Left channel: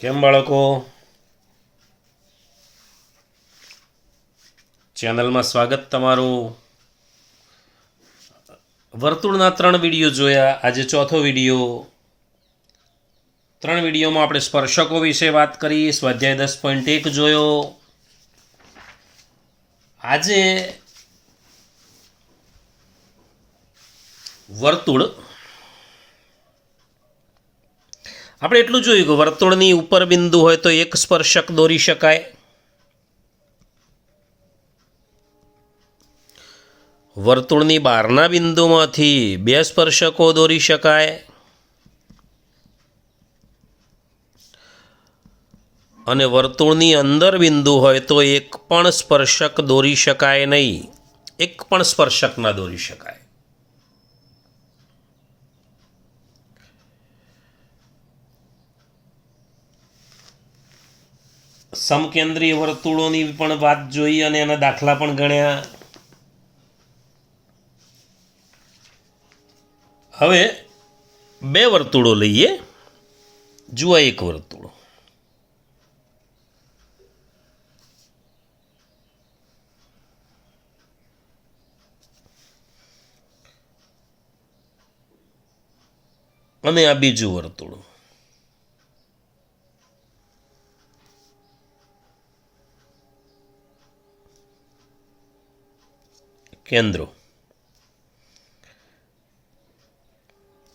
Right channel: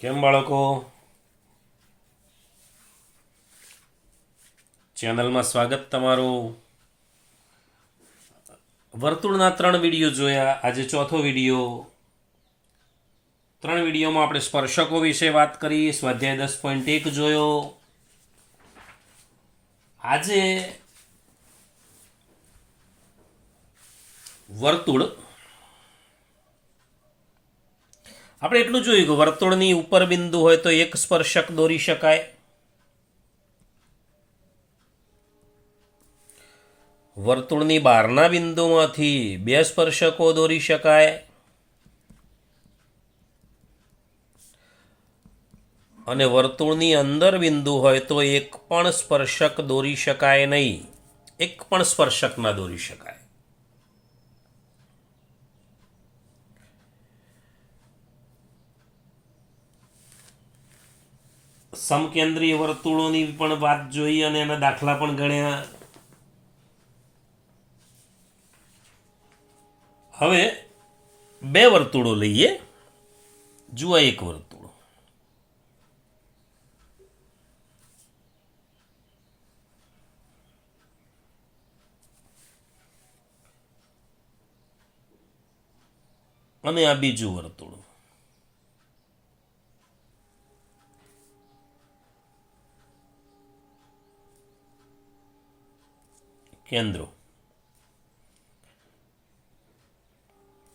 કેમ બાળકો? ચેનલમાં સ્વાગત તમારું. વર્તુળના 3 વિડીયો જોયા, આજે ચોથો વિડીયો. 3 વિડીયોમાં આપણે સ્પર્શકો વિશે વાત કરી, સ્વાધ્યાય 10.1 જોયો. આજે વર્તુળ આપણે એટલું જોયું કે વર્તુળની ઉપર બિંદુ હોય તો એક સ્પર્શક દોરી શકાય. વર્તુળની બહારના બિંદુમાંથી 2 સ્પર્શકો દોરી શકાય. અને વર્તુળની અંદર બિંદુ હોય તો એક પણ સ્પર્શક દોરી શકાય નહીં. એક પણ સ્પર્શક ના દોરી શકાય. સમકેન્દ્રીય વર્તુળોની પણ વાત જોઈ અને એના દાખલા પણ ગણ્યા. હવે 2 વર્તુળો લઈએ. જુઓ, એક વર્તુળ અને આ બીજું વર્તુળ.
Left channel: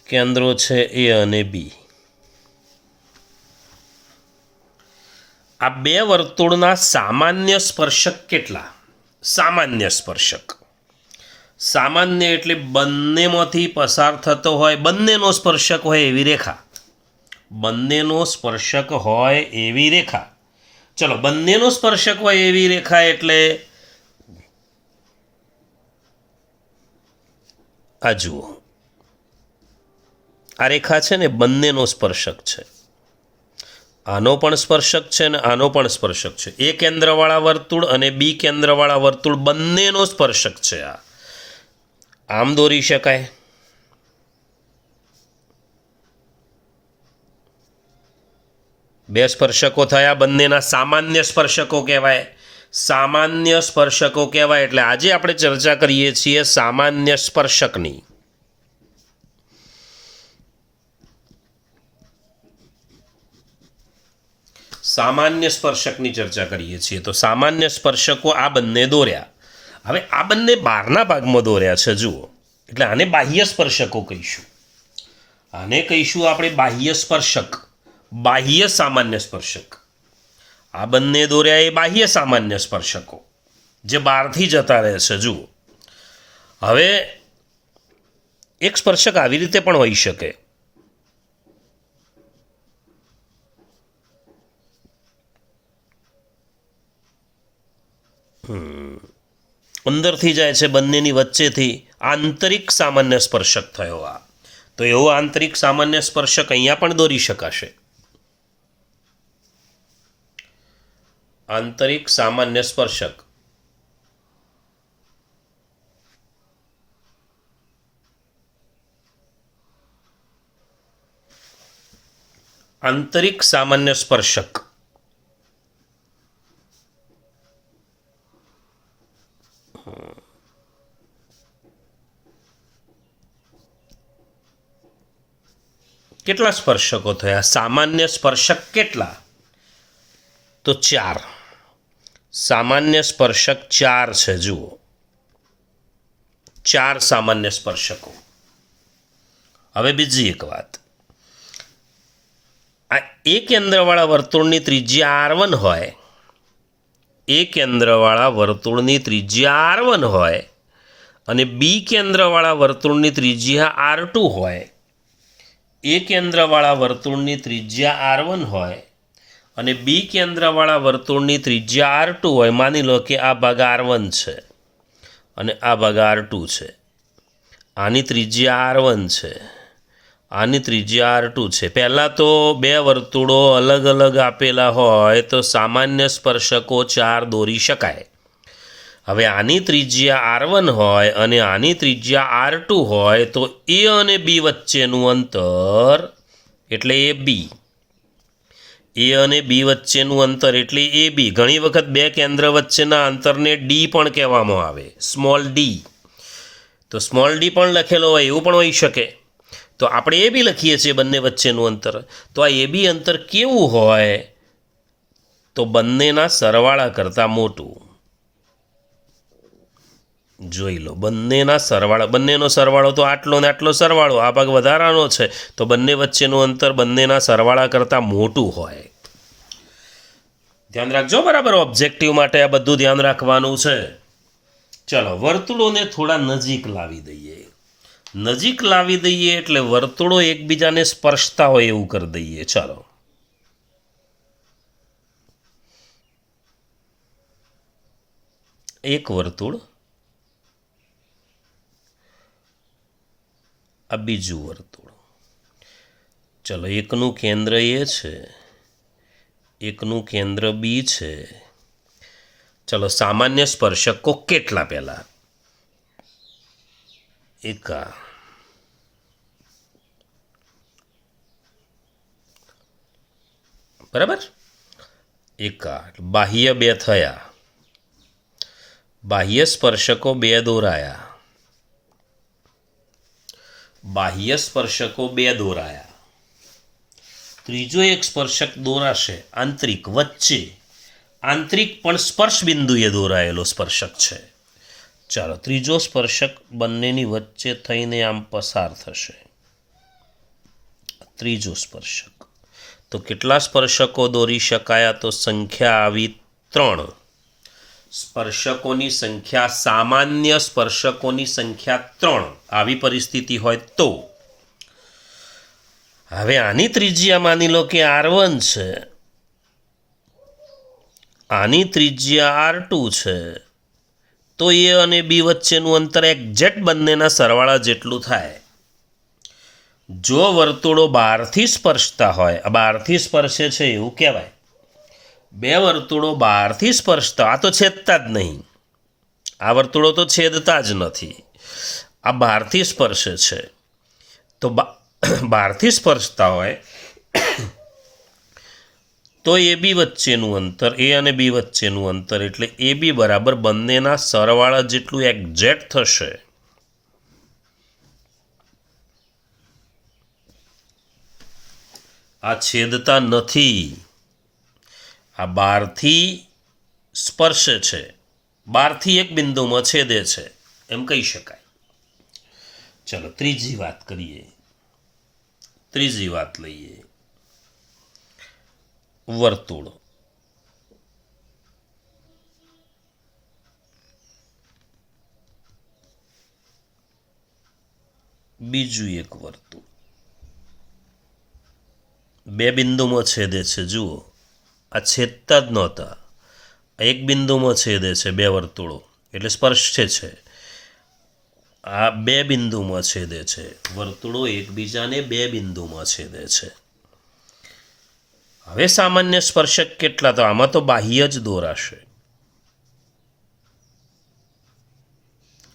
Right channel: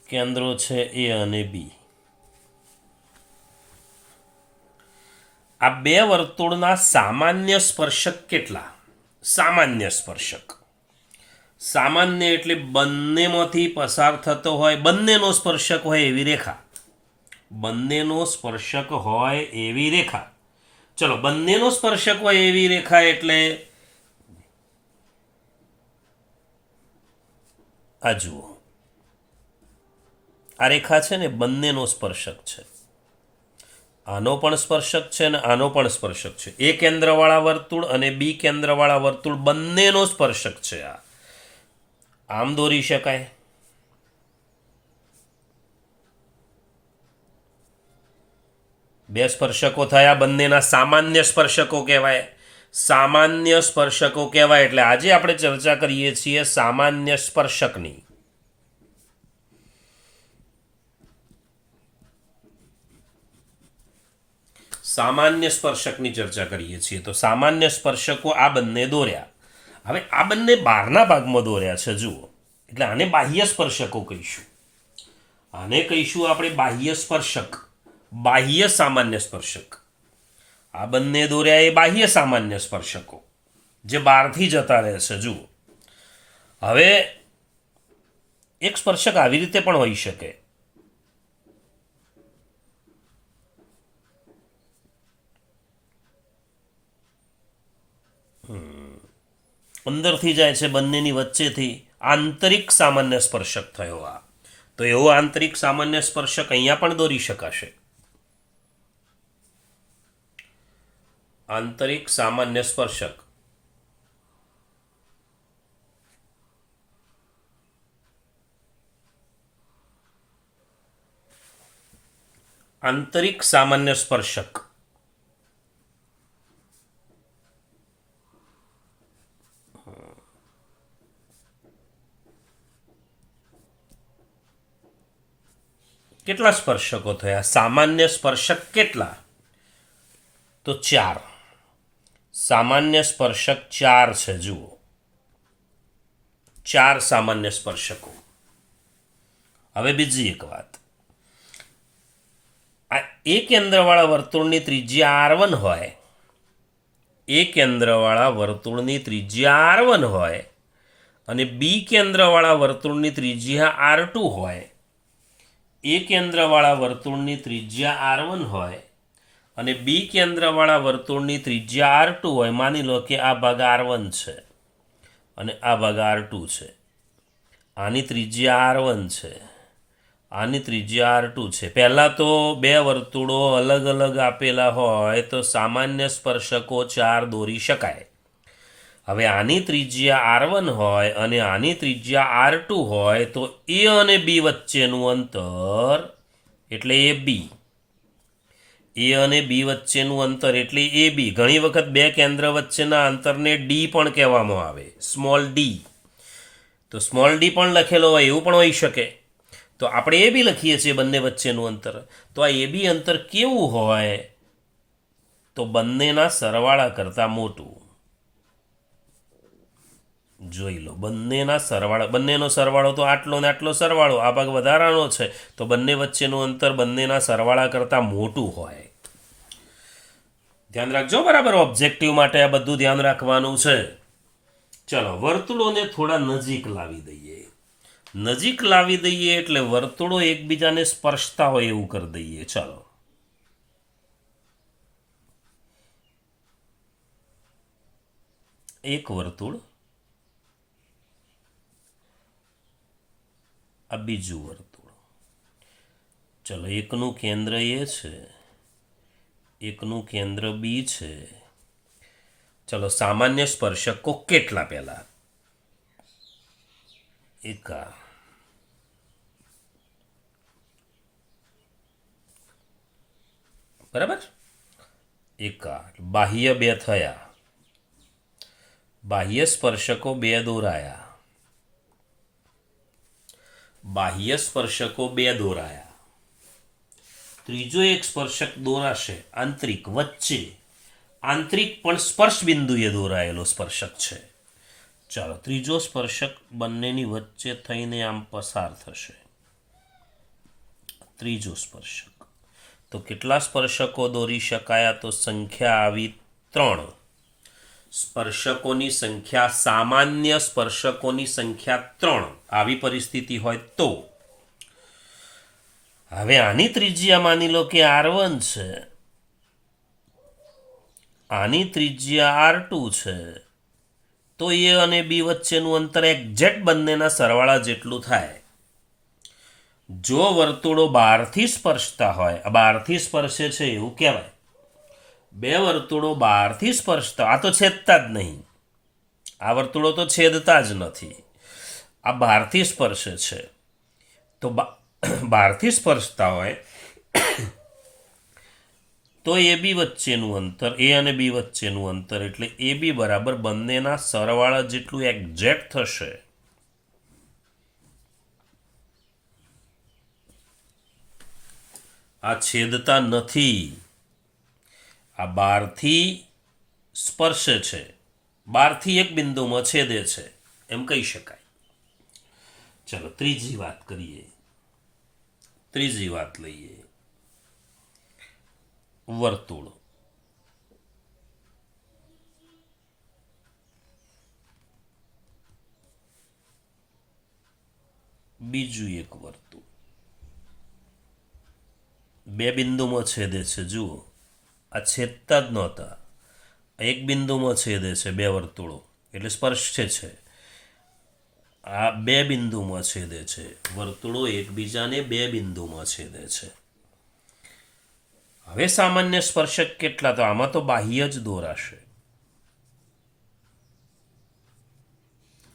કેન્દ્રો છે એ અને બી. આ 2 વર્તુળના સામાન્ય સ્પર્શક કેટલા? સામાન્ય સ્પર્શક, સામાન્ય એટલે બંનેમાંથી પસાર થતો હોય, બંનેનો સ્પર્શક હોય એવી રેખા. બંનેનો સ્પર્શક હોય એવી રેખા. ચલો, બંનેનો સ્પર્શક હોય એવી રેખા એટલે આ જુઓ, આ રેખા છે ને બંનેનો સ્પર્શક છે. આનો પણ સ્પર્શક છે ને આનો પણ સ્પર્શક છે. એ કેન્દ્રવાળા વર્તુળ અને બી કેન્દ્રવાળા વર્તુળ બંનેનો સ્પર્શક છે. આ આમ દોરી શકાય. બે સ્પર્શકો થયા, બંનેના સામાન્ય સ્પર્શકો કહેવાય. સામાન્ય સ્પર્શકો કહેવાય. એટલે આજે આપણે ચર્ચા કરીએ છીએ સામાન્ય સ્પર્શકની. સામાન્ય સ્પર્શકની ચર્ચા કરીએ છીએ. તો સામાન્ય સ્પર્શકો આ બંને દોર્યા. હવે આ બંને બહારના ભાગમાં દોર્યા છે, જુઓ. એટલે આને બાહ્ય સ્પર્શકો કહીશું. આને કહીશું આપણે બાહ્ય સ્પર્શક, બાહ્ય સામાન્ય સ્પર્શક. આ બંને દોર્યા એ બાહ્ય સામાન્ય સ્પર્શકો જે બહારથી જતા રહે છે. જુઓ, હવે એક સ્પર્શક આવી રીતે પણ હોઈ શકે. અંદરથી જાય છે, બંનેની વચ્ચેથી આંતરિક સામાન્ય સ્પર્શક થયો. આ તો એવો આંતરિક સામાન્ય સ્પર્શક અહીંયા પણ દોરી શકાશે. આંતરિક સામાન્ય સ્પર્શક. આંતરિક સામાન્ય સ્પર્શક કેટલા સ્પર્શકો થયા? સામાન્ય સ્પર્શક કેટલા? તો 4. સામાન્ય સ્પર્શક 4 છે. જુઓ, 4 સામાન્ય સ્પર્શકો. હવે બીજી એક વાત, આ એ કેન્દ્રવાળા વર્તુળની ત્રિજ્યા R1 હોય, એ કેન્દ્રવાળા વર્તુળની ત્રિજ્યા R1 હોય અને બી કેન્દ્રવાળા વર્તુળની ત્રિજ્યા R2 હોય. એ કેન્દ્રવાળા વર્તુળની ત્રિજ્યા R1 હોય અને બી કેન્દ્રવાળા વર્તુળની ત્રિજ્યા R2 હોય. માની લો કે આ ભાગ R1 છે અને આ ભાગ R2 છે. આની ત્રિજ્યા R1 છે, આની ત્રિજ્યા R2 છે. પહેલાં તો 2 વર્તુળો અલગ અલગ આપેલા હોય તો સામાન્ય સ્પર્શકો 4 દોરી શકાય. હવે આની ત્રિજ્યા R1 હોય અને આની ત્રિજ્યા R2 હોય તો એ અને બી વચ્ચેનું અંતર એટલે એ બી. એ અને બી વચ્ચેનું અંતર એટલે એ બી. ઘણી વખત બે કેન્દ્ર વચ્ચેના અંતરને ડી પણ કહેવામાં આવે, સ્મોલ ડી. તો સ્મોલ ડી પણ લખેલો હોય એવું પણ હોઈ શકે. તો આપણે એ બી લખીએ છીએ બંને વચ્ચેનું અંતર. તો આ એ બી અંતર કેવું હોય? તો બંનેના સરવાળા કરતાં મોટું. જોઈ લો, બંનેનો સરવાળો તો આટલો ને આટલો સરવાળો, આ ભાગ વધારાનો છે, તો બંને વચ્ચેનું અંતર બંનેના સરવાળા કરતાં મોટું હોય. ધ્યાન રાખજો બરાબર. ઓબ્જેક્ટિવ માટે આ બધું ધ્યાન રાખવાનું છે. ચલો, વર્તુળોને થોડા નજીક લાવી દઈએ. નજીક લાવી દઈએ એટલે વર્તુળો એકબીજાને સ્પર્શતા હોય એવું કરી દઈએ. ચાલો, એક વર્તુળ, આ બીજું વર્તુળ. ચલો, એકનું કેન્દ્ર એ છે, એકનું કેન્દ્ર બી છે. ચલો, સામાન્ય સ્પર્શકો કેટલા? પહેલા એકા, બરાબર, એકા. બાહ્ય બે થયા, બાહ્ય સ્પર્શકો બે દોરાયા, બાહ્ય સ્પર્શકો બે દોરાયા. ત્રીજો એક સ્પર્શક દોરાશે આંતરિક, વચ્ચે. આંતરિક પણ સ્પર્શ બિંદુએ દોરાયેલો સ્પર્શક છે. ચાલો, ત્રીજો સ્પર્શક બંનેની વચ્ચે થઈને આમ પસાર થશે. ત્રીજો સ્પર્શક. તો કેટલા સ્પર્શકો દોરી શકાયા? તો સંખ્યા આવી 3. સ્પર્શકોની સંખ્યા, સામાન્ય સ્પર્શકોની સંખ્યા 3. આવી પરિસ્થિતિ હોય તો હવે આની ત્રિજ્યા માની લો કે R1 છે, આની ત્રિજ્યા R2 છે. તો એ અને બી વચ્ચેનું અંતર એક્ઝેક્ટ બંનેના સરવાળા જેટલું થાય. જો વર્તુળો બહારથી સ્પર્શતા હોય, બહારથી સ્પર્શે છે એવું કહેવાય. બે વર્તુળો બહારથી સ્પર્શતા, આ તો છેદતા જ નહીં, આ વર્તુળો તો છેદતા જ નથી, આ બહારથી સ્પર્શે છે. તો બહારથી સ્પર્શતા હોય તો એ બી વચ્ચેનું અંતર, એ અને બી વચ્ચેનું અંતર એટલે એ બી બરાબર બંનેના સરવાળા જેટલું એક્ઝેક્ટ થશે. આ છેદતા નથી, આ બહારથી સ્પર્શે છે, બહારથી એક બિંદુમાં છેદે છે એમ કહી શકાય. ચલો, ત્રીજી વાત કરીએ. ત્રીજી વાત લઈએ. વર્તુળ. બીજું એક વર્તુળ બે બિંદુમાં છેદે છે. જુઓ, આ છેદતા જ નહોતા, એક બિંદુમાં છેદે છે બે વર્તુળો એટલે સ્પર્શે છે. આ બે બિંદુમાં છેદે છે, વર્તુળો એકબીજાને બે બિંદુમાં છેદે છે. હવે સામાન્ય સ્પર્શક કેટલા? તો આમાં તો બાહ્ય જ દોરાશે.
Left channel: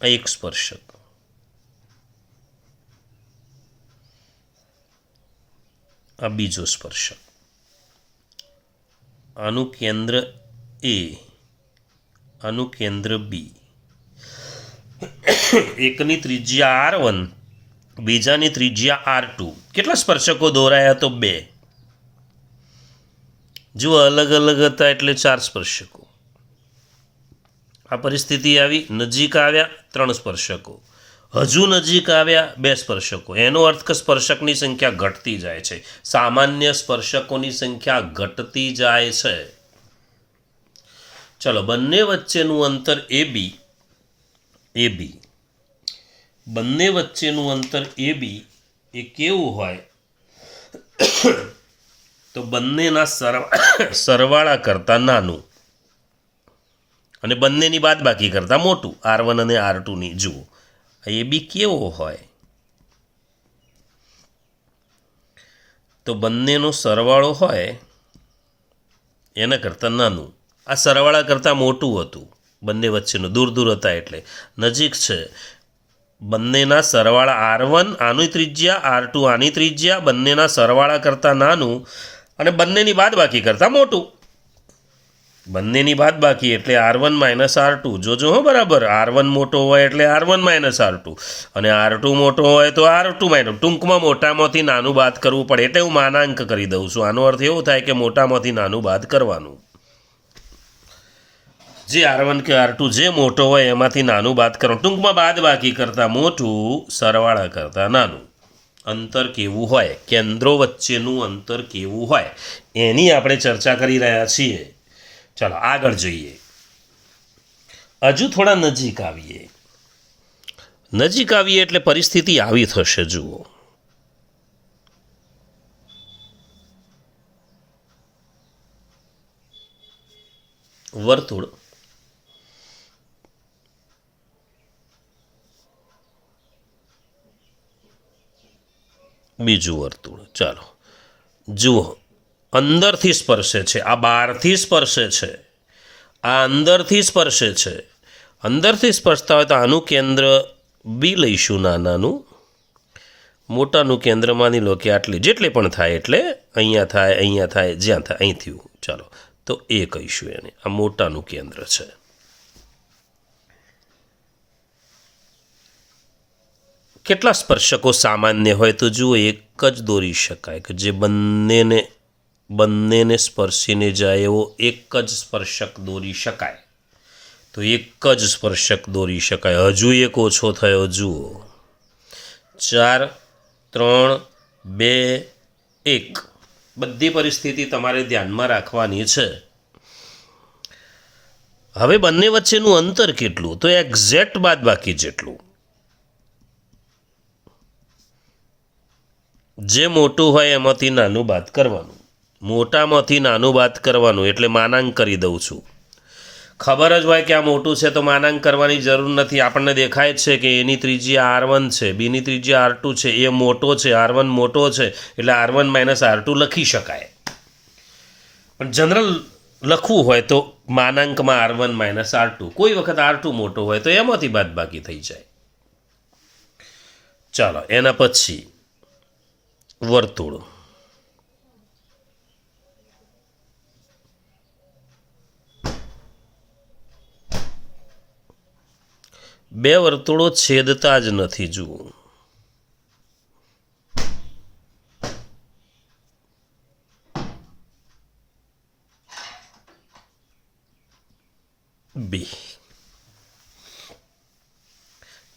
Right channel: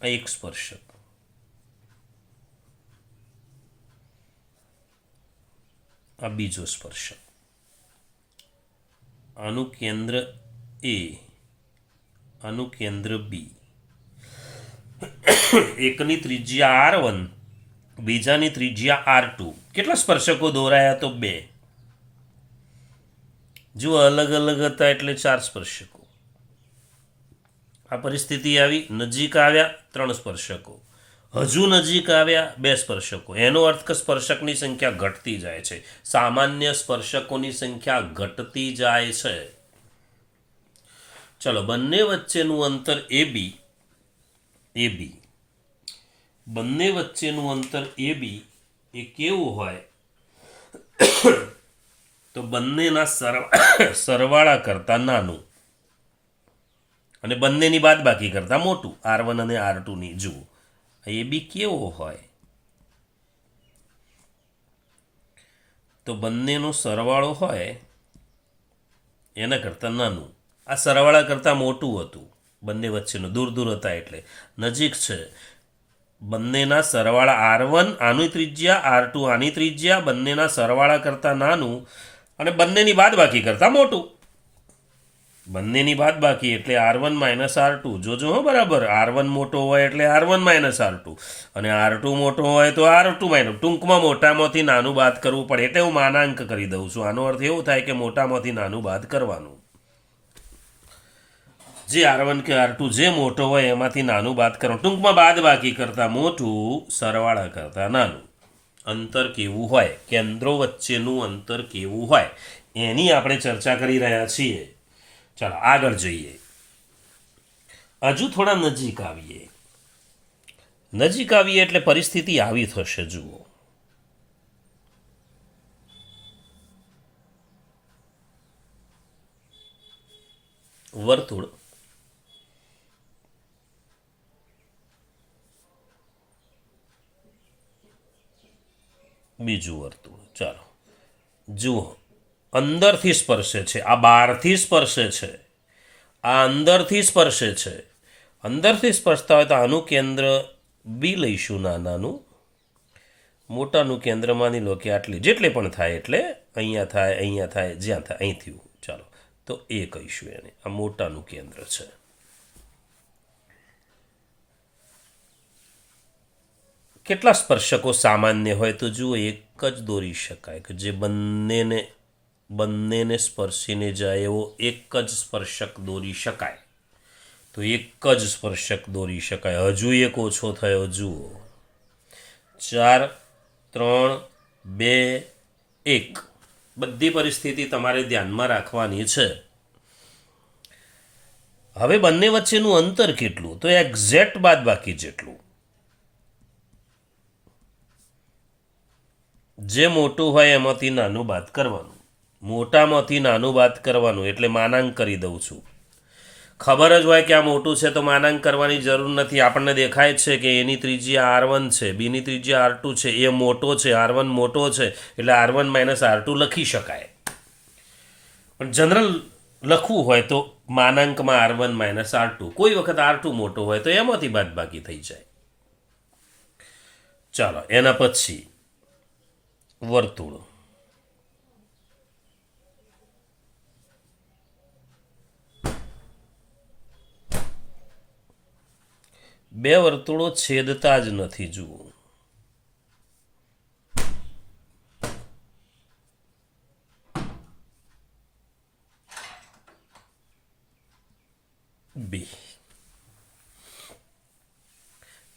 એક સ્પર્શક, આ બીજો સ્પર્શક, આનું કેન્દ્ર એ, આનું કેન્દ્ર બી. એકની ત્રિજ્યા R1, બીજાની ત્રિજ્યા R2. કેટલા સ્પર્શકો દોરાયા? તો 2. જુઓ, અલગ અલગ હતા એટલે 4 સ્પર્શકો. આ પરિસ્થિતિ આવી, નજીક આવ્યા 3 સ્પર્શકો, હજુ નજીક આવ્યા 2 સ્પર્શકો. એનો અર્થ કે સ્પર્શકની સંખ્યા ઘટતી જાય છે. સામાન્ય સ્પર્શકોની સંખ્યા ઘટતી જાય છે. ચલો, બંને વચ્ચેનું અંતર AB, બંને વચ્ચેનું અંતર AB એ કેવું હોય? તો બંનેના સરવાળા કરતાં નાનું અને બંનેની બાદબાકી કરતાં મોટું. R1 અને R2 ની. જુઓ, AB કેવો હોય? તો બંનેનો સરવાળો હોય એના કરતાં નાનું. આ સરવાળા કરતાં મોટું હતું, બંને વચ્ચેનું. દૂર દૂર હતા એટલે નજીક છે. બંનેના સરવાળા R1 આની ત્રિજ્યા, R2 આની ત્રિજ્યા, બંનેના સરવાળા કરતાં નાનું. અને બંનેની બાદબાકી કરતાં મોટું. બંનેની બાદબાકી એટલે R1 માઇનસ R2. જોજો હો બરાબર, R1 મોટો હોય એટલે R1 માઇનસ R2 અને R2 મોટો હોય તો R2 માઇનસ. ટૂંકમાં મોટામાંથી નાનું બાદ કરવું પડે એટલે હું માનાંક કરી દઉં છું. આનો અર્થ એવો થાય કે મોટામાંથી નાનું બાદ કરવાનું. જે R1 કે R2 જે મોટો હોય એમાંથી નાનું બાદ કરવાનું. ટૂંકમાં બાદબાકી કરતાં મોટું, સરવાળા કરતાં નાનું. અંતર કેવું હોય, કેન્દ્રો વચ્ચેનું અંતર કેવું હોય એની આપણે ચર્ચા કરી રહ્યા છીએ. ચાલો આગળ જોઈએ. હજુ થોડા નજીક આવીએ. નજીક આવીએ એટલે પરિસ્થિતિ આવી થશે. જુઓ, વર્તુળ, બીજું વર્તુળ. ચાલો જુઓ, અંદરથી સ્પર્શે છે, આ બહારથી સ્પર્શે છે, આ અંદરથી સ્પર્શે છે. અંદરથી સ્પર્શતા હોય તો આનું કેન્દ્ર બી લઈશું, નાનાનું. મોટાનું કેન્દ્ર માની લો કે આટલી, જેટલી પણ થાય એટલે અહીંયા થાય, અહીંયા થાય, જ્યાં થાય અહીં થયું. ચાલો તો એ કહીશું એને. આ મોટાનું કેન્દ્ર છે. કેટલા સ્પર્શકો સામાન્ય હોય તો જુઓ, એક જ દોરી શકાય કે જે બંનેને સ્પર્શીને જાય એવો એક જ સ્પર્શક દોરી શકાય. તો એક જ સ્પર્શક દોરી શકાય. હજુ એક ઓછો થયો. જુઓ, 4, 3, 2, 1. બધી પરિસ્થિતિ તમારે ધ્યાનમાં રાખવાની છે. હવે બંને વચ્ચેનું અંતર કેટલું? તો એક્ઝેક્ટ બાદબાકી જેટલું. જે મોટું હોય એમાંથી નાનું બાદ કરવાનું. મોટામાંથી નાનું બાદ કરવાનું એટલે માનાંક કરી દઉં છું. ખબર જ હોય કે આ મોટું છે તો માનાંક કરવાની જરૂર નથી. આપણને દેખાય જ છે કે એની ત્રિજ્યા R1 છે, બીની ત્રિજ્યા R2 છે, એ મોટો છે, R1 મોટો છે એટલે R1 માઇનસ R2 લખી શકાય. પણ જનરલ લખવું હોય તો માનાંકમાં R1 માઇનસ R2. કોઈ વખત R2 મોટો હોય તો એમાંથી બાદબાકી થઈ જાય. ચાલો એના પછી વર્તુળ. બે વર્તુળો છેદતા જ નથી. જુઓ, બી.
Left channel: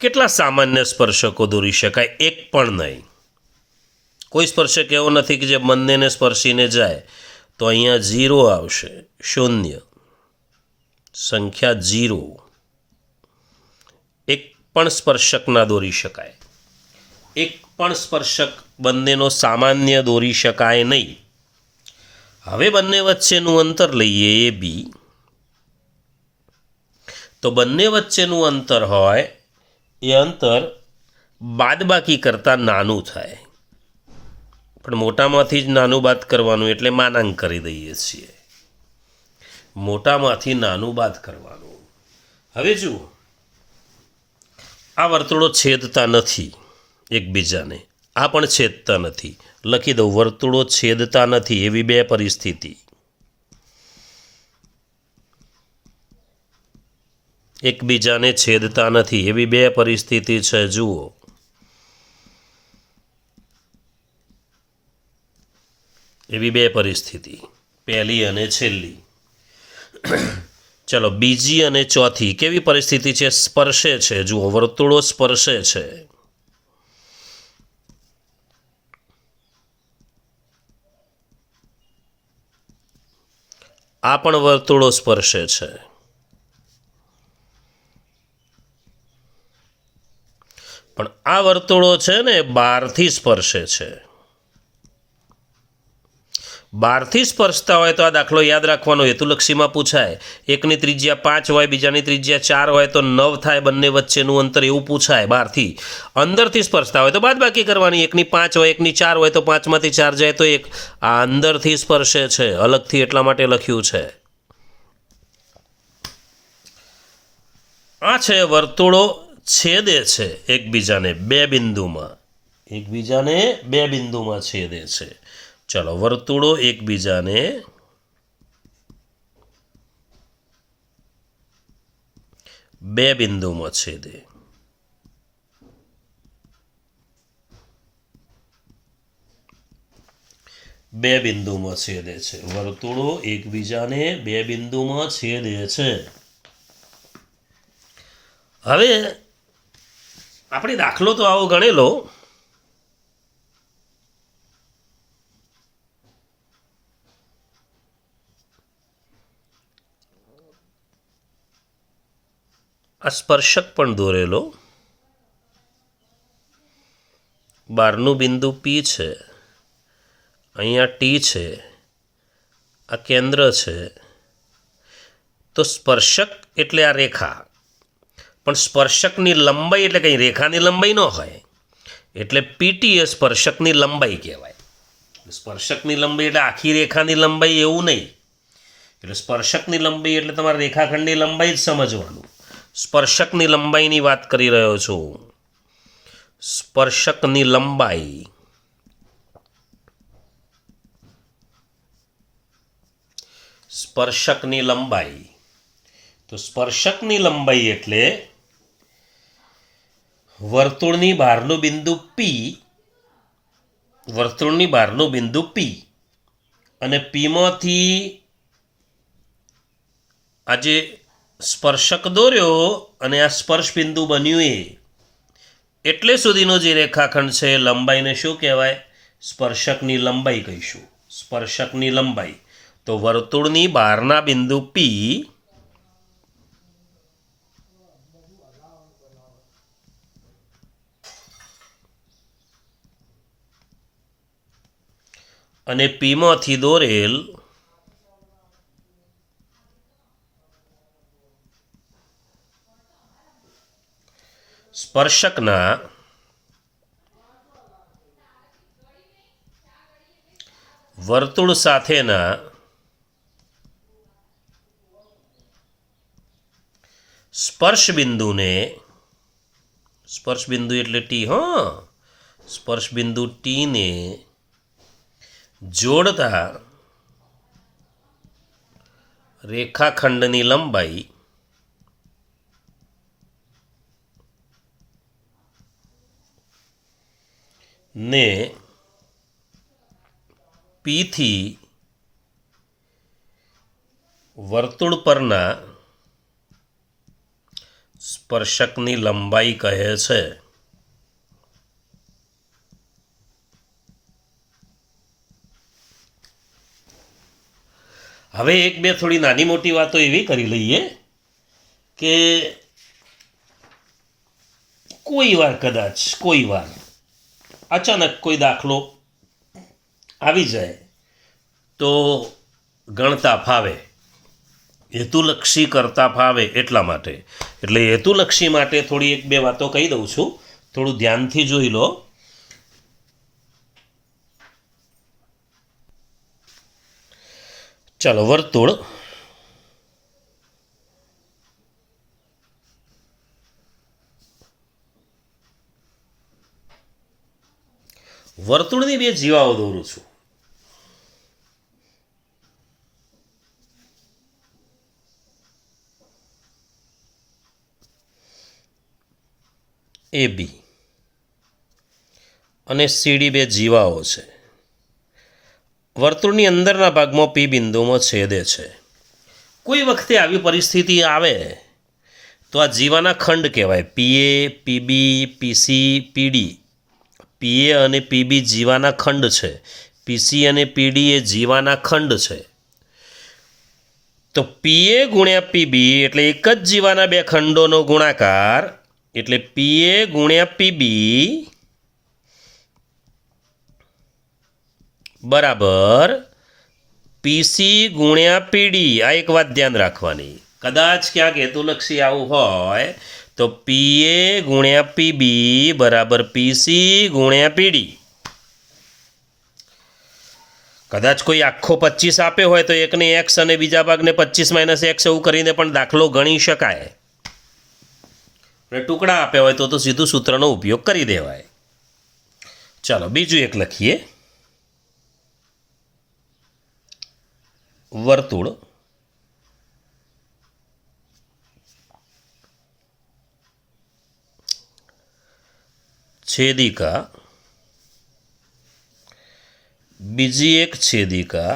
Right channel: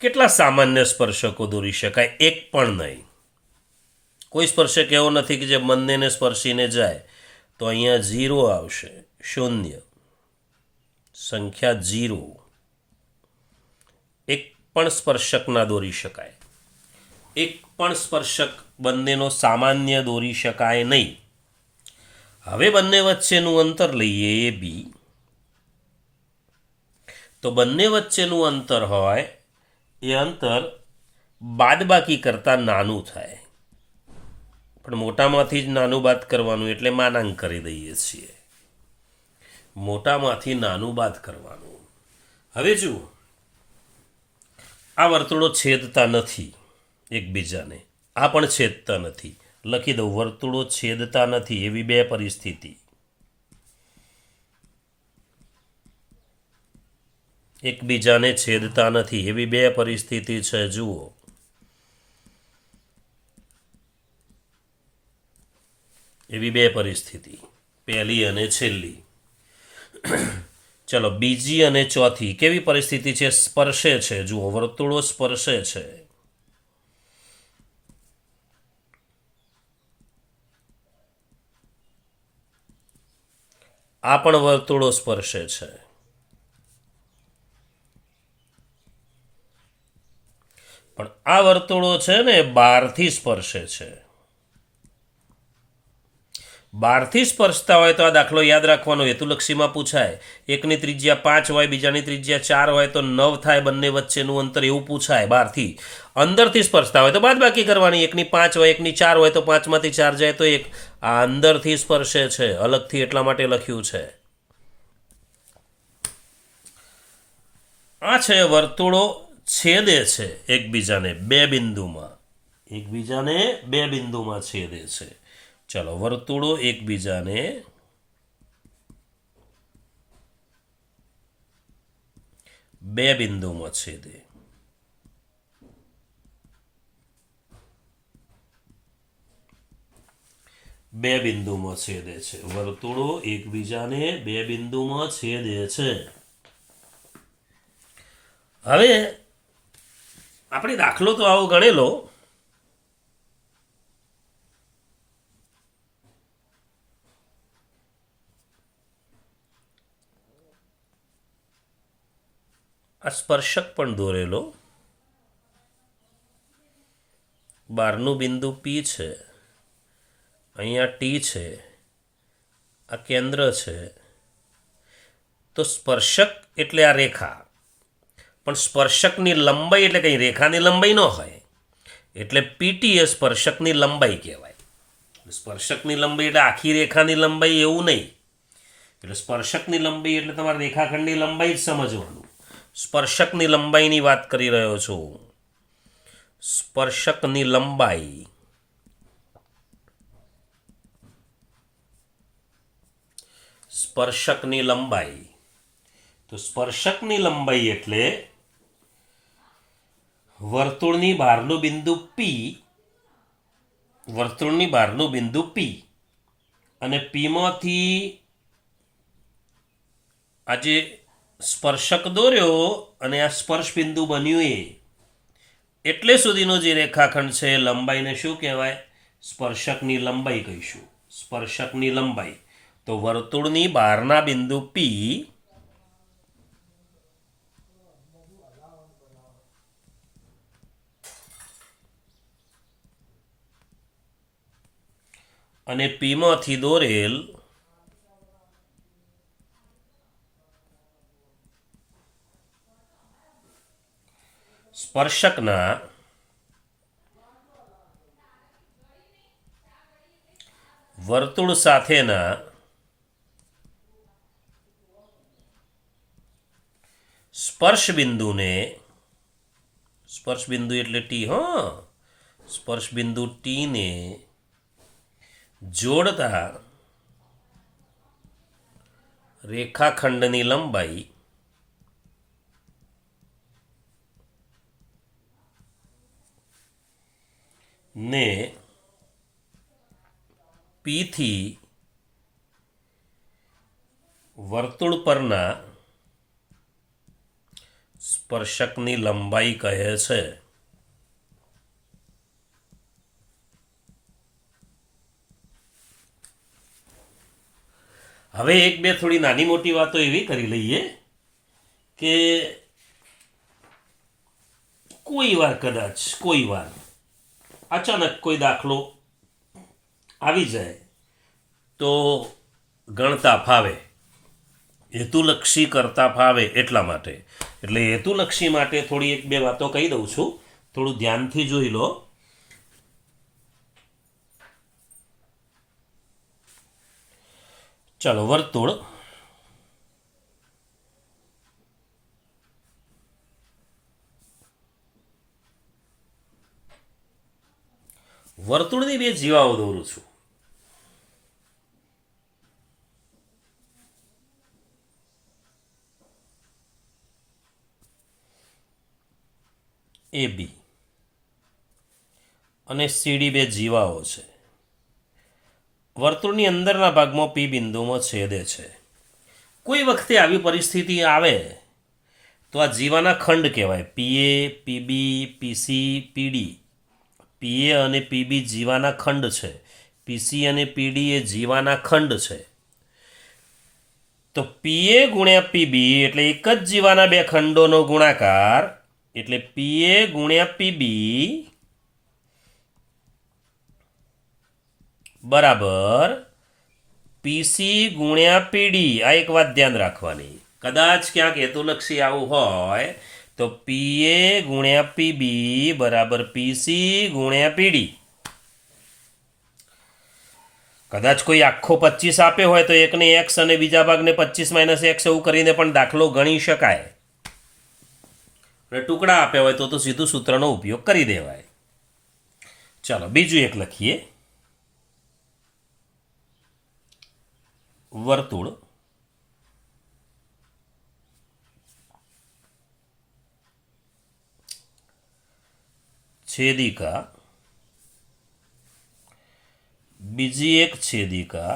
કેટલા સામાન્ય સ્પર્શકો દોરી શકાય? એક પણ નહીં. કોઈ સ્પર્શક એવો નથી કે જે બંનેને સ્પર્શીને જાય. તો અહીંયા 0 આવશે, 0, સંખ્યા 0. એક પણ સ્પર્શક ના દોરી શકાય. એક પણ સ્પર્શક બંનેનો સામાન્ય દોરી શકાય નહીં. હવે બંને વચ્ચેનું અંતર લઈએ, એ બી. તો બંને વચ્ચેનું અંતર હોય એ અંતર બાદબાકી કરતાં નાનું થાય. પણ મોટામાંથી જ નાનું બાદ કરવાનું એટલે માનાંક કરી દઈએ છીએ. મોટામાંથી નાનું બાદ કરવાનું. હવે જુઓ, આ વર્તુળો છેદતા નથી એકબીજાને, આ પણ છેદતા નથી. લખી દઉં, વર્તુળો છેદતા નથી એવી બે પરિસ્થિતિ. એકબીજાને છેદતા નથી એવી બે પરિસ્થિતિ છે. જુઓ, એવી બે પરિસ્થિતિ, પહેલી અને છેલ્લી. ચલો બીજી અને ચોથી કેવી પરિસ્થિતિ છે? સ્પર્શે છે. જુઓ, વર્તુળો સ્પર્શે છે. આ પણ વર્તુળો સ્પર્શે છે. પણ આ વર્તુળો છે ને બહારથી સ્પર્શે છે. બહારથી સ્પર્શતા હોય તો આ દાખલો યાદ રાખવાનો, હેતુલક્ષીમાં પૂછાય. એકની ત્રિજ્યા 5 હોય, બીજાની ત્રિજ્યા 4 હોય તો 9 થાય બંને વચ્ચેનું અંતર, એવું પૂછાય બહારથી. અંદરથી સ્પર્શતા હોય તો બાદબાકી કરવાની. એકની 5 હોય, એકની 4 હોય તો 5માંથી 4 જાય તો 1. આ અંદરથી સ્પર્શે છે, અલગથી એટલા માટે લખ્યું છે. આ છે વર્તુળો છેદે છે એકબીજાને બે બિંદુમાં. એકબીજાને બે બિંદુમાં છેદે છે. ચલો, વર્તુળો એકબીજાને બે બિંદુમાં છેદે. બે બિંદુમાં છેદે છે. વર્તુળો એકબીજાને બે બિંદુમાં છેદે છે. હવે આપણે દાખલો તો આવો ગણેલો. આ સ્પર્શક પણ દોરેલો. બહારનું બિંદુ પી છે, અહીંયા ટી છે, આ કેન્દ્ર છે. તો સ્પર્શક એટલે આ રેખા, પણ સ્પર્શકની લંબાઈ એટલે કંઈ રેખાની લંબાઈ ન હોય, એટલે પીટી એ સ્પર્શકની લંબાઈ કહેવાય. સ્પર્શકની લંબાઈ એટલે આખી રેખાની લંબાઈ એવું નહીં. એટલે સ્પર્શકની લંબાઈ એટલે તમારે રેખાખંડની લંબાઈ જ સમજવાનું. સ્પર્શકની લંબાઈની વાત કરી રહ્યો છું. સ્પર્શકની લંબાઈ. સ્પર્શકની લંબાઈ. તો સ્પર્શકની લંબાઈ એટલે વર્તુળની બહારનું બિંદુ પી, વર્તુળની બહારનું બિંદુ પી અને પીમાંથી આજે સ્પર્શક દોર્યો અને આ સ્પર્શ બિંદુ બન્યું એટલે સુધીનો જે રેખાખંડ છે એ લંબાઈને શું કહેવાય? સ્પર્શકની લંબાઈ કહીશું. સ્પર્શકની લંબાઈ. તો વર્તુળની બહારના બિંદુ પી અને પીમાંથી દોરેલ સ્પર્શકના વર્તુળ સાથેના સ્પર્શ બિંદુને, સ્પર્શ બિંદુ એટલે ટી, સ્પર્શ બિંદુ ટીને જોડતા રેખાખંડની લંબાઈ ને પીથી વર્તુળ પરના સ્પર્શકની લંબાઈ કહે છે. હવે એક બે થોડી નાની મોટી વાતો એવી કરી લઈએ કે કોઈ વાર કદાચ કોઈ વાર અચાનક કોઈ દાખલો આવી જાય તો ગણતા ફાવે, હેતુલક્ષી કરતા ફાવે એટલા માટે. એટલે હેતુલક્ષી માટે થોડી એક બે વાતો કહી દઉં છું, થોડું ધ્યાનથી જોઈ લો. ચાલો, વર્તુળ વર્તુળની બે જીવાઓ દોરું છું. એ બી અને સીડી બે જીવાઓ છે. વર્તુળની અંદરના ભાગમાં પી બિંદુમાં છેદે છે. કોઈ વખતે આવી પરિસ્થિતિ આવે તો આ જીવાના ખંડ કહેવાય. પીએ, પીબી, પીસી, પીડી. પીએ અને પીબી જીવાના ખંડ છે. પીસી અને પીડી એ જીવાના ખંડ છે. તો પીએ ગુણ્યા પીબી એટલે એક જ જીવાના બે ખંડોનો ગુણાકાર, એટલે પીએ ગુણ્યા પીબી બરાબર પીસી ગુણ્યા પીડી. આ એક વાત ધ્યાન રાખવાની. કદાચ ક્યાંક હેતુલક્ષી આવું હોય તો પીએ ગુણ્યા પીબી બરાબર પીસી ગુણ્યા પીડી. કદાચ કોઈ આખો 25 આપ્યો હોય તો એકને એક્સ અને બીજા ભાગને 25 - એક્સ એવું કરીને પણ દાખલો ગણી શકાય. અને ટુકડા આપ્યા હોય તો સીધું સૂત્રનો ઉપયોગ કરી દેવાય. ચાલો, બીજું એક લખીએ. વર્તુળ, છેદિકા, બીજી એક છેદિકા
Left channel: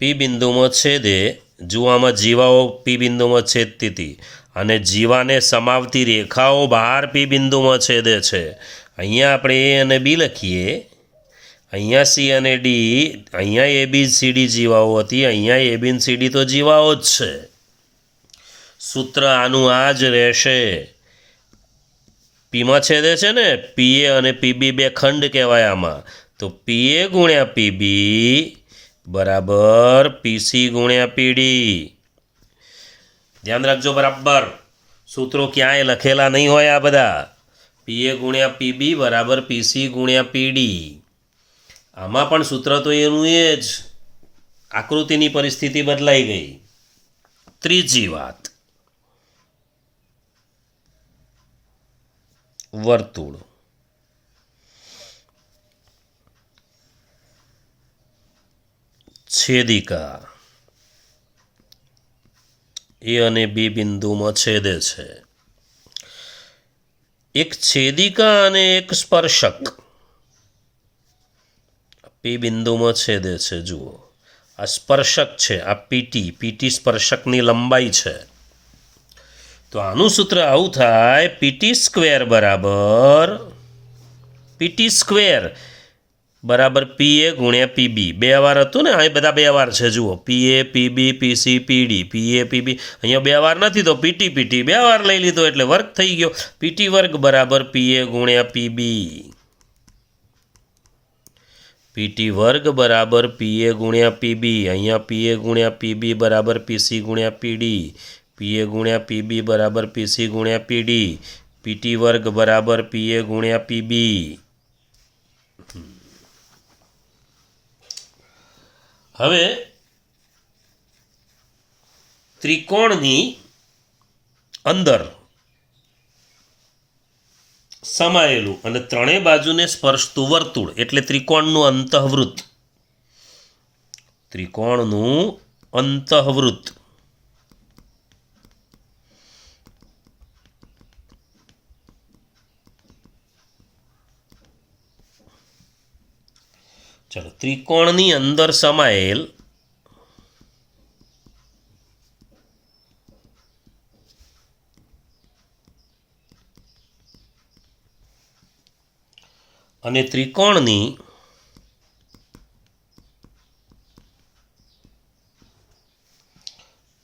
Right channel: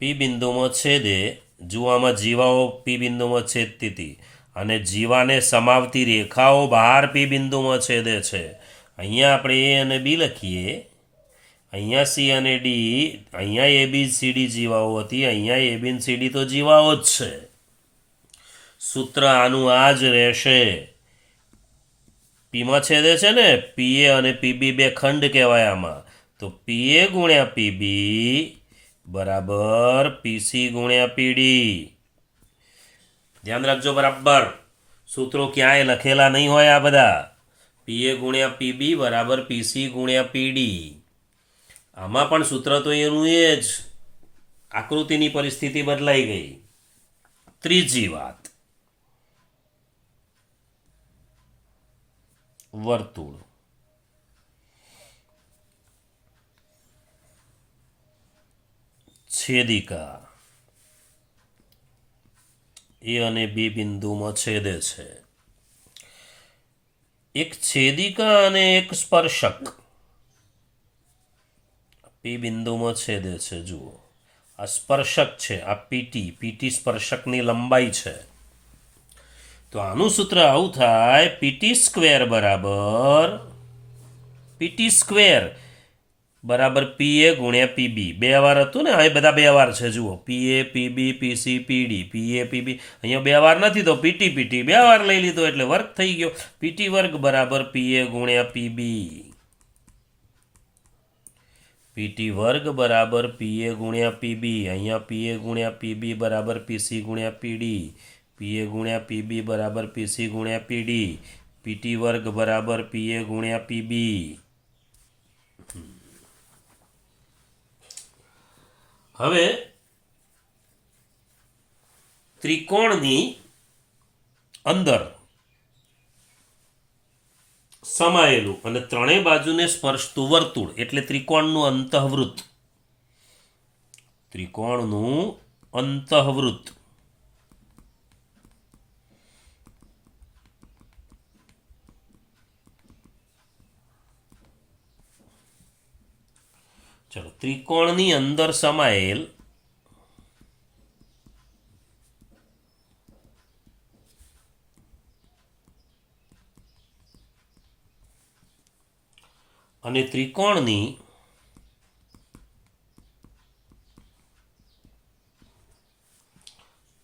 પી બિંદુમાં છેદે, જુવામાં જીવાઓ પી બિંદુમાં છેદતી હતી અને જીવાને સમાવતી રેખાઓ બહાર પી બિંદુમાં છેદે છે. અહીંયા આપણે એ અને બી લખીએ, અહીંયા સી અને ડી, અહીંયા એ બી સી ડી જીવાઓ હતી, અહીંયા એ બી સી ડી તો જીવાઓ જ છે. સૂત્ર આનું આ જ રહેશે. પીમાં છેદે છે ને, પીએ અને પીબી બે ખંડ કહેવાય આમાં, તો પીએ ગુણ્યા પીબી બરાબર પીસી ગુણ્યા પીડી. ધ્યાન રાખજો બરાબર, સૂત્રો ક્યાંય લખેલા નહીં હોય આ બધા. પીએ ગુણ્યા પીબી બરાબર પીસી ગુણ્યા પીડી. આમાં પણ સૂત્ર તો એનું એ જ, આકૃતિની પરિસ્થિતિ બદલાઈ ગઈ. ત્રીજી વાત, વર્તુળ, છેદિકા એ અને બી બિંદુમાં છેદે છે. એક છેદિકા અને એક સ્પર્શક પી બિંદુમાં છેદે છે. જુઓ, આ સ્પર્શક છે, આ પીટી સ્પર્શકની લંબાઈ છે. તો આનું સૂત્ર આવું થાય, પીટી સ્ક્વેર બરાબર પીએ ગુણ્યા પીબી. બે વાર હતું ને, અહીં બધા બે વાર છે. જુઓ, પીએ પીબી પીસી પીડી, પીએ પીબી, અહીંયા બે વાર નથી તો પીટી બે વાર લઈ લીધો એટલે વર્ગ થઈ ગયો. પીટી વર્ગ બરાબર પીએ ગુણ્યા પીબી. પીટી વર્ગ બરાબર પીએ ગુણ્યા પીબી. અહીંયા પીએ ગુણ્યા પીબી બરાબર પીસી ગુણ્યા પીડી. પીએ ગુણ્યા પીબી બરાબર પીસી ગુણ્યા પીડી. પીટી વર્ગ બરાબર પીએ ગુણ્યા પીબી. હવે ત્રિકોણની અંદર સમાયેલું અને ત્રણેય બાજુને સ્પર્શતું વર્તુળ એટલે ત્રિકોણનું અંતઃવૃત્ત. ચલો, ત્રિકોણની અંદર સમાયેલ અને ત્રિકોણની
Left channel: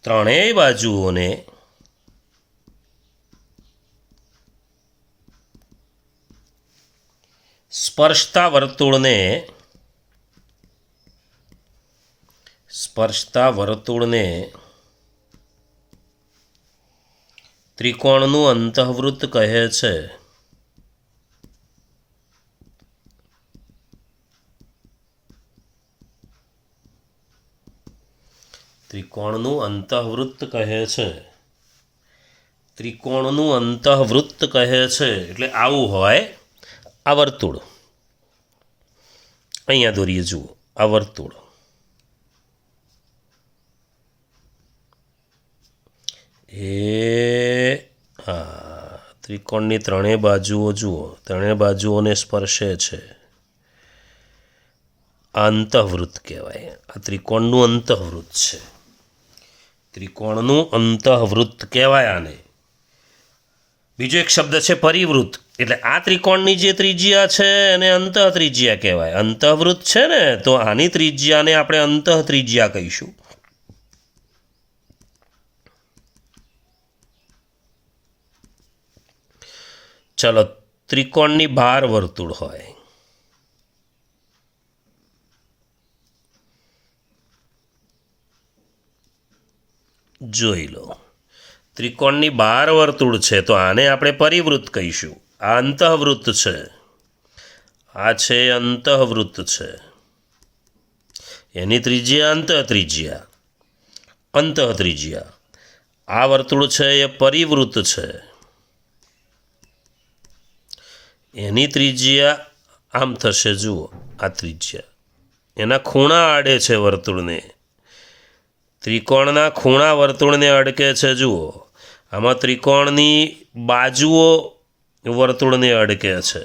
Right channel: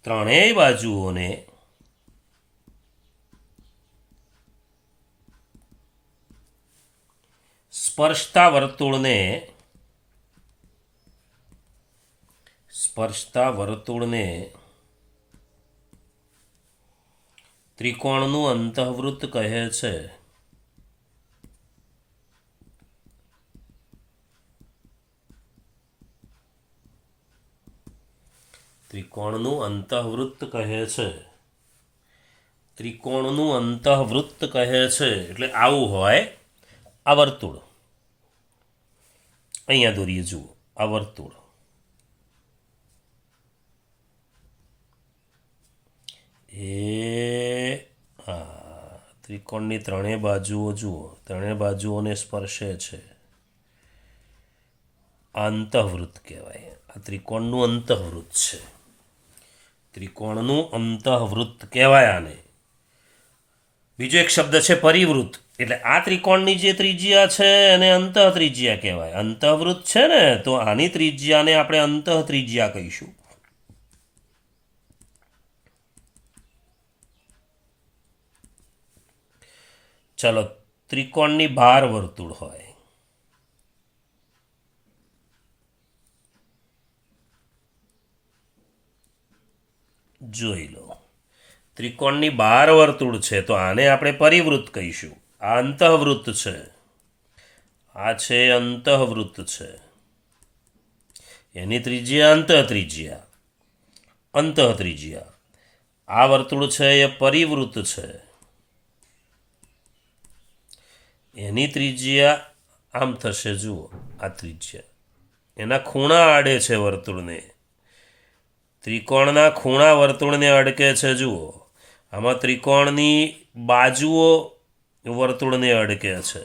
ત્રણેય બાજુઓને સ્પર્શતા વર્તુળને ત્રિકોણનું અંતઃવૃત્ત કહે છે. ત્રિકોણનું અંતઃવૃત્ત કહે છે. એટલે આવું હોય આ વર્તુળ. અહીંયા દોરીએ, જુઓ, આ વર્તુળ. ત્રિકોણની ત્રણેય બાજુઓ જુઓ, ત્રણેય બાજુઓને સ્પર્શે છે. આ અંતઃવૃત્ત કહેવાય. આ ત્રિકોણનું અંતઃવૃત્ત છે. ત્રિકોણનું અંતઃવૃત્ત કહેવાય આને. બીજો એક શબ્દ છે પરિવૃત્ત. એટલે આ ત્રિકોણની જે ત્રિજ્યા છે એને અંતઃ ત્રિજ્યા કહેવાય. અંતઃવૃત્ત છે ને, તો આની ત્રિજ્યાને આપણે અંતઃ ત્રિજ્યા કહીશું. ચલો, ત્રિકોણની બહાર વર્તુળ હોય, જોઈ લો. ત્રિકોણની બહાર વર્તુળ છે તો આને આપણે પરિવૃત્ત કહીશું. આ અંતઃવૃત્ત છે, આ છે અંતઃવૃત્ત છે. એની ત્રિજ્યા અંતઃ ત્રિજ્યા. આ વર્તુળ છે એ પરિવૃત્ત છે. એની ત્રિજ્યા આમ થશે, જુઓ, આ ત્રિજ્યા એના ખૂણા આડે છે વર્તુળને. ત્રિકોણના ખૂણા વર્તુળને અડકે છે. જુઓ, આમાં ત્રિકોણની બાજુઓ વર્તુળને અડકે છે.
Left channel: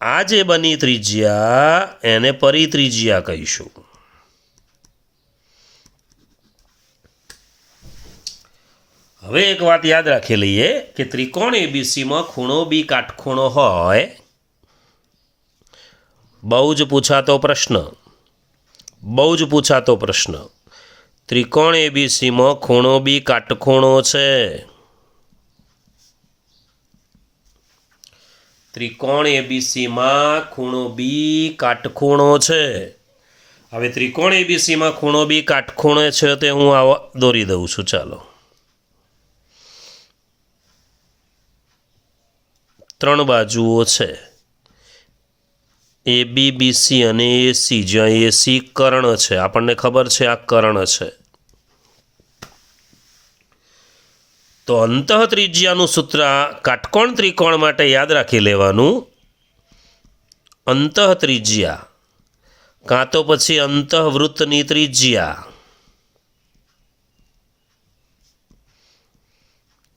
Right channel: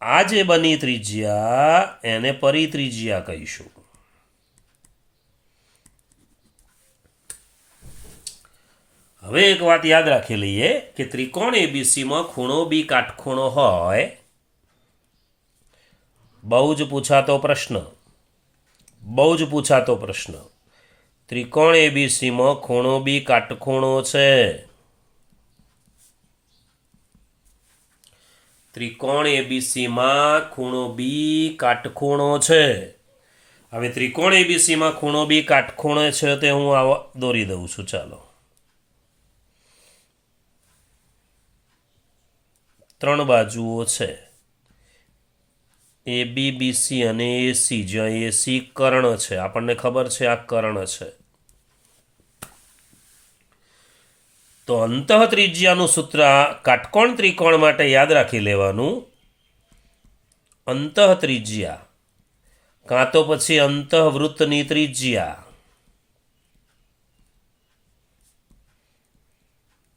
આ જે બની ત્રિજ્યા એને પરિત્રિજ્યા કહીશું. હવે એક વાત યાદ રાખી લઈએ કે ત્રિકોણ એબીસીમાં ખૂણો બી કાટખૂણો હોય. બહુ જ પૂછાતો પ્રશ્ન. ત્રિકોણ એબીસીમાં ખૂણો બી કાટખૂણો છે. ત્રિકોણ એબીસીમાં ખૂણો બી કાટખૂણો છે. હવે ત્રિકોણ એબીસીમાં ખૂણો બી કાટખૂણો છે તે હું આવા દોરી દઉં છું. ચાલો, 3 બાજુઓ છે, એ બી, બીસી અને એસી, જ્યાં એસી કર્ણ છે. આપણને ખબર છે આ કર્ણ છે. તો અંતઃત્રિજ્યાનું સૂત્ર કાટકોણ ત્રિકોણ માટે યાદ રાખી લેવાનું. અંતઃત્રિજ્યા કાં તો પછી અંતઃવૃત્તની ત્રિજ્યા,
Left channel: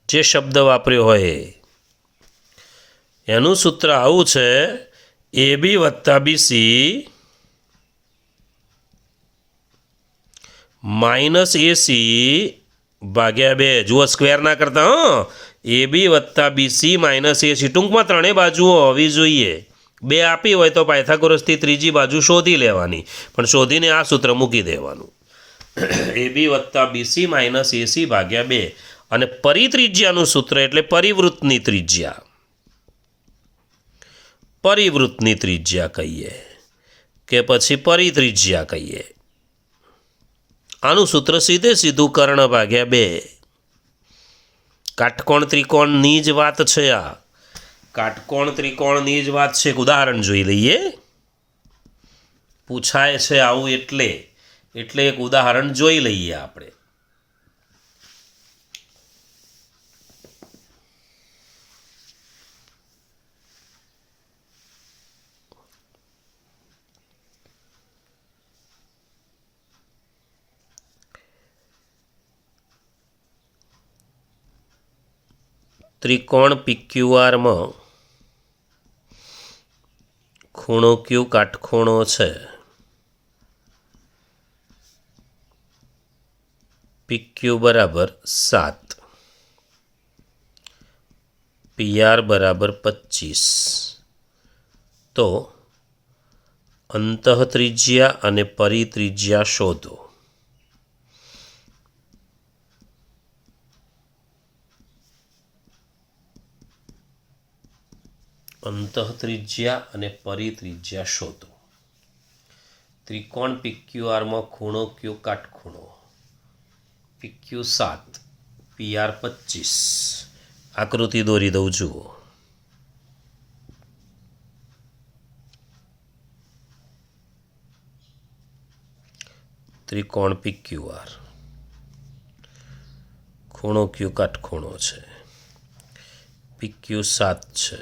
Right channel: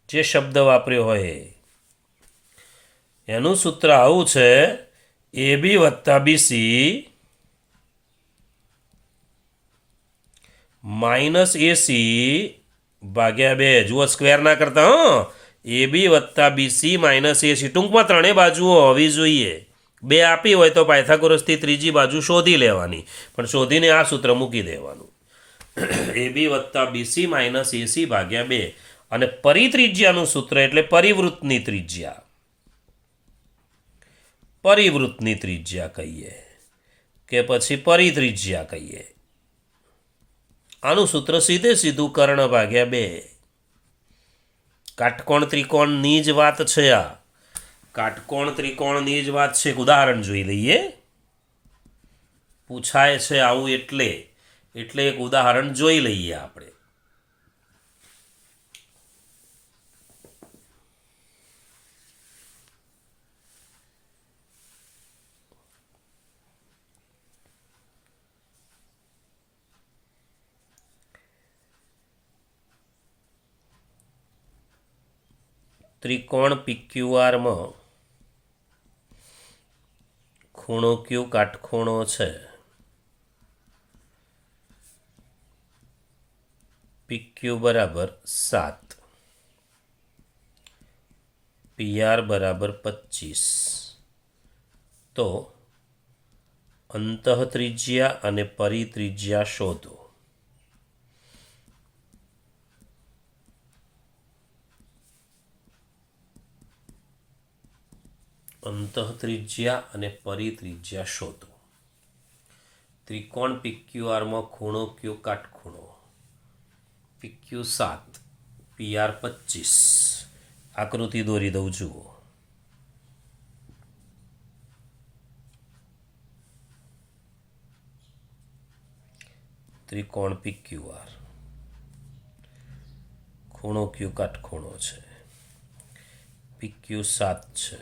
જે શબ્દ વાપર્યો હોય એનું સૂત્ર આવું છે: એ બી વત્તા બીસી માઇનસ એસી ભાગ્યા 2. જુઓ, સ્ક્વેર ના કરતા. એ બી વત્તા બીસી માઇનસ એસી. ટૂંકમાં ત્રણેય બાજુઓ હોવી જોઈએ. 2 આપી હોય તો પાયથાગોરસથી ત્રીજી બાજુ શોધી લેવાની, પણ શોધીને આ સૂત્ર મૂકી દેવાનું. એ બી વત્તા બીસી માઇનસ એસી ભાગ્યા 2. અને પરિત્રિજ્યાનું સૂત્ર એટલે પરિવૃત્તની ત્રિજ્યા. પરિવૃત્તની ત્રિજ્યા કહીએ કે પછી પરિત્રિજ્યા કહીએ. આનું સૂત્ર સીધું કર્ણ ભાગ્યા 2. કાટકોણ ત્રિકોણની જ વાત છે. આ કાટકોણ ત્રિકોણની જ વાત છે. એક ઉદાહરણ જોઈ લઈએ. પૂછાય છે આવું એટલે એક ઉદાહરણ જોઈ લઈએ આપણે. ત્રિકોણ PQRમાં ખૂણો Q કાટખૂણો છે. PQ બરાબર 7, PR બરાબર 25. તો અંતઃત્રિજ્યા અને પરિત્રિજ્યા શોધો. અંતઃત્રિજ્યા અને પરિત્રિજ્યા શોધો. ત્રિકોણ PQRમાં ખૂણો Q કાટખૂણો. PQ 7, PR 25. આકૃતિ દોરી દઉં. જુઓ, ત્રિકોણ PQR, ખૂણો Q કાટખૂણો છે. PQ 7 છે,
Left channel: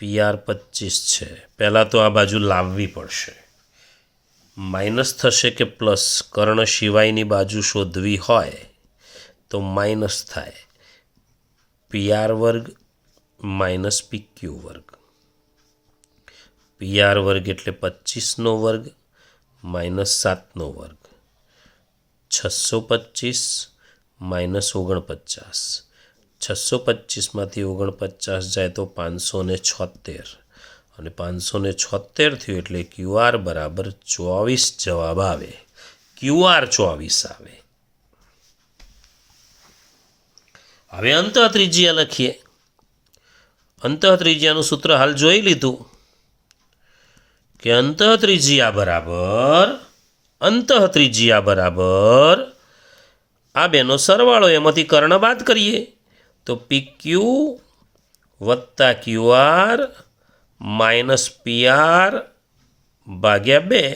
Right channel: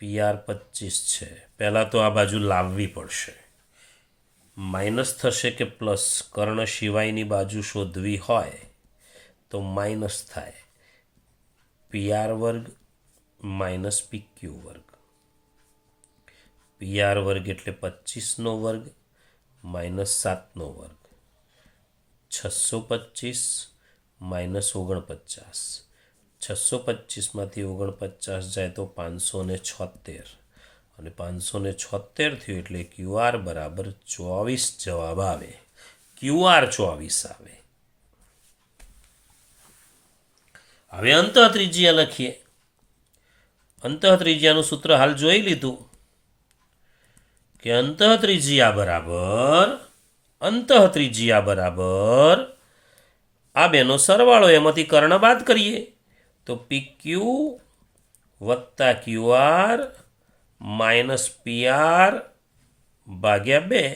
PR 25 છે. પહેલાં તો આ બાજુ લાવવી પડશે. માઇનસ થશે કે પ્લસ? કર્ણ સિવાયની બાજુ શોધવી હોય તો માઇનસ થાય. PR વર્ગ માઇનસ PQ વર્ગ. PR વર્ગ એટલે 25નો વર્ગ માઇનસ 7નો વર્ગ. 625 માઇનસ 49. 625માંથી 49 જાય તો 576, અને 576 થયું એટલે QR બરાબર 24 જવાબ આવે. QR 24 આવે. હવે અંતઃત્રિજ્યા લખીએ. અંતઃત્રિજ્યાનું સૂત્ર હાલ જોઈ લીધું કે અંતઃત્રિજ્યા બરાબર આ બેનો સરવાળો, એમાંથી કર્ણ બાદ કરીએ તો PQ વત્તા QR માઇનસ PR ભાગ્યા 2.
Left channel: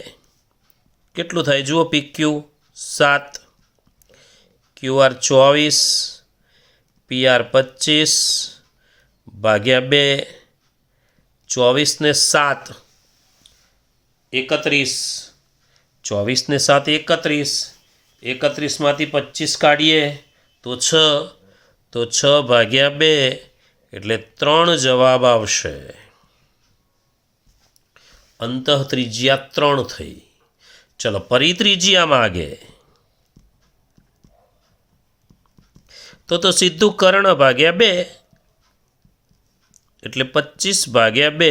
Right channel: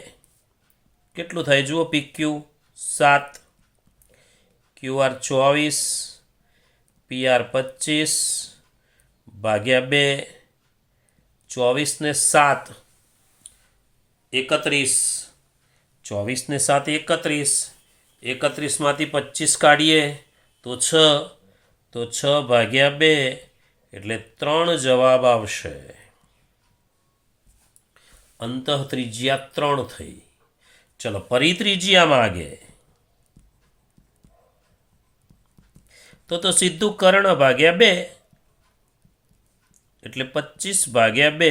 કેટલું થાય? જુઓ, PQ 7, QR 24, PR 25 ભાગ્યા 2. 24 ને 7 31, 24 ને 7 31, 31માંથી 25 કાઢીએ તો 6, તો 6 ભાગ્યા 2 એટલે 3 જવાબ આવશે. અંતઃ ત્રિજ્યા 3 થઈ. ચલો ફરી ત્રિજ્યા માગે તો સીધું કર્ણ ભાગ્યા 2 એટલે 25 ભાગ્યા 2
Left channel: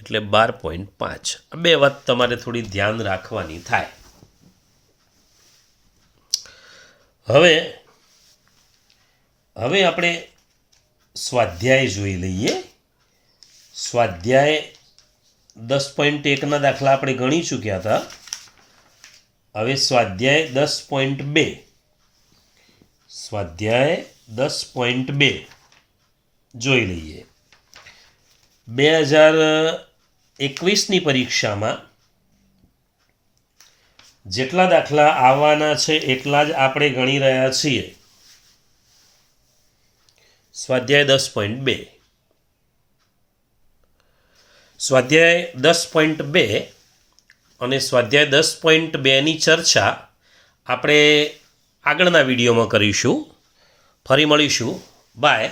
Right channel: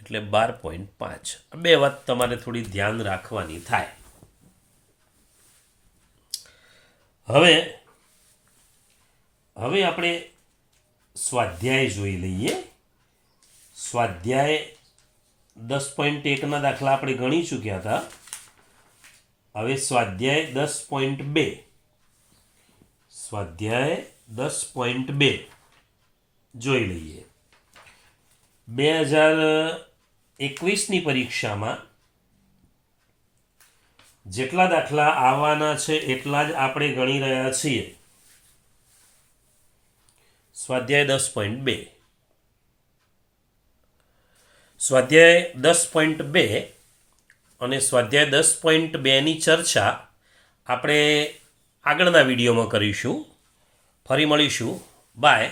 એટલે 12.5. આ બે વાત તમારે થોડી ધ્યાન રાખવાની થાય. હવે આપણે સ્વાધ્યાય જોઈ લઈએ. સ્વાધ્યાય 10.1ના દાખલા આપણે ગણી ચૂક્યા હતા. હવે સ્વાધ્યાય 10.2 સ્વાધ્યાય 10.2 જોઈ લઈએ. 2021ની પરીક્ષામાં જેટલા દાખલા આવવાના છે એટલા જ આપણે ગણી રહ્યા છીએ. સ્વાધ્યાય 10.2 સ્વાધ્યાય 10.2 અને સ્વાધ્યાય 10.2ની ચર્ચા આપણે આગળના વિડીયોમાં કરીશું. ફરી મળીશું. બાય.